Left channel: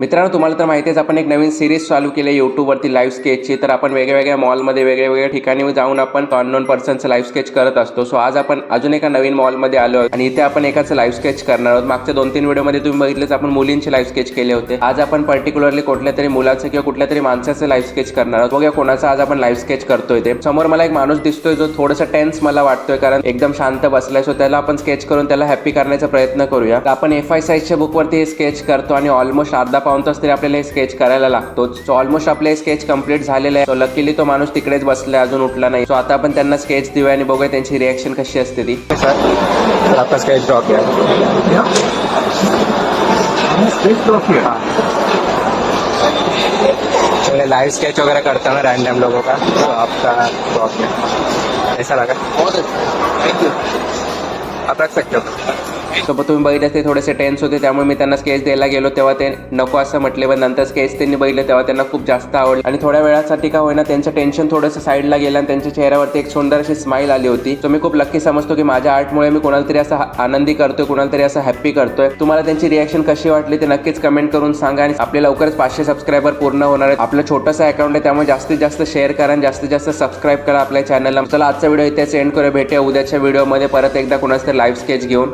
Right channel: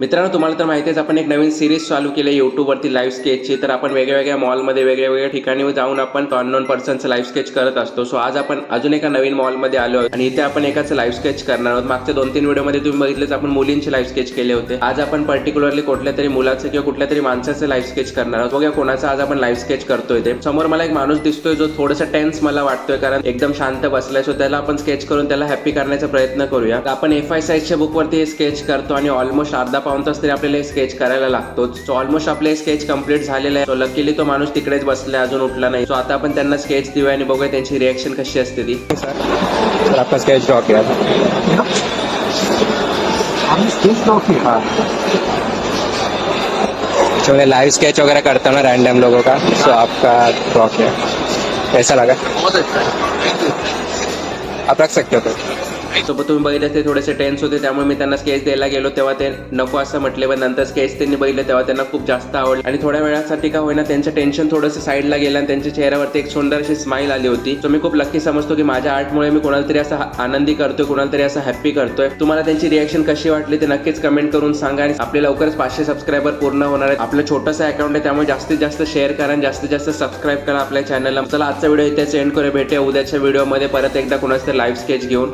मित्रांनो, तुम्हाला तर माहितीच आपण एक नवीन सिरीज चालू केली आहे यूट्यूबवरती लाईव्ह स्केचची. तर आपण वेगवेगळ्या मॉलमध्ये वेगवेगळ्या ठिकाणी जाऊन आपण अननोन पर्सनचं लाईव्ह स्केच करत असतो. सो आज आपण अजून एका नवीन मॉलमध्ये आलो आहोत आणि इथे आपण एकाचं लाईव्ह स्केच करणार आहोत. मागच्या 2-3 व्हिडिओमध्ये तुम्ही बघितलेच आपण मुलींचे लाईव्ह स्केच केले होते. आज आपण पर्टिक्युलरली कुठल्या तरी मुलाचं किंवा कुठल्या तरी माणसाचं लाईव्ह स्केच करणार आहोत. बघूया कोणाचं आज आपण लाईव्ह स्केच करतोय ते. समोर मला एक माणूस दिसतोय जो थोडासा टेन्स मला वाटतोय, कारण एकदम शांत बसलाय. सो त्याला आपण स्केच करून त्याला हॅप्पी करण्याचा प्रयत्न करूया. तर आपण FI साईजच्या बुकवरती हे स्केच करतो आणि ऑलमोस्ट अर्धा पाऊण तास तरी आपल्याला स्केच करायला लागतो. सो ऑलमोस्ट आपले स्केच कंप्लीट झालेलं आहे. सो लकीली तो माणूस तिकडेच बसलाय, अजून उठला नाही. सो आता आपण त्यांना स्केच देऊया आणि बघूया त्यांची रिएक्शन कशी असते ती. सर आपका स्केच ड्रॉ किया लाइव स्केच वगैरह करता हूँ ना रैंडम लोगों का. सो आपका ड्रॉ किया कैसा लगा? बहुत अच्छा है, थैंक यू. आप रख सकते हो. तो तुम्ही बघितलं ते थोडेसे टेन्स होते, त्यामुळे मी त्यांना स्केच द्यायला गेलो तेव्हा ते नको असं म्हटले. पण नंतर स्केच त्यांनी बघितलं तेव्हा त्यांना खूप जास्त आवडलं आणि थोड्या वेळासाठी का होईना त्यांचं टेन्शन थोडंसं साईडला गेलं आणि त्यांच्या चेहऱ्यावरती एक सुंदर अशी स्माईल आली होती. तो मी खूप लकी समजतो की माझ्या आर्टमुळे मी कोणाला तरी असं आनंदी करतोय, कोणाला तरी असं हॅप्पी करतोय. तुम्हाला त्यांची रिएक्शन कशी वाटली ते नक्कीच कमेंट करून सांगा. आणि आपले लवकरच 500 सबस्क्रायबर पूर्ण होणार आहेत. आपलं छोटंसं अकाउंट आहे, त्यामुळे जास्तीत जास्त शेअर करा आणि जास्तीत जास्त सबस्क्राईब करा आपल्या चॅनलला. चला आजचा व्हिडिओ इथे सेंड करूया. भेटूया उद्याच्या व्हिडिओमध्ये परत एकदा कोणाचं तरी लाईव्ह स्केच घेऊन.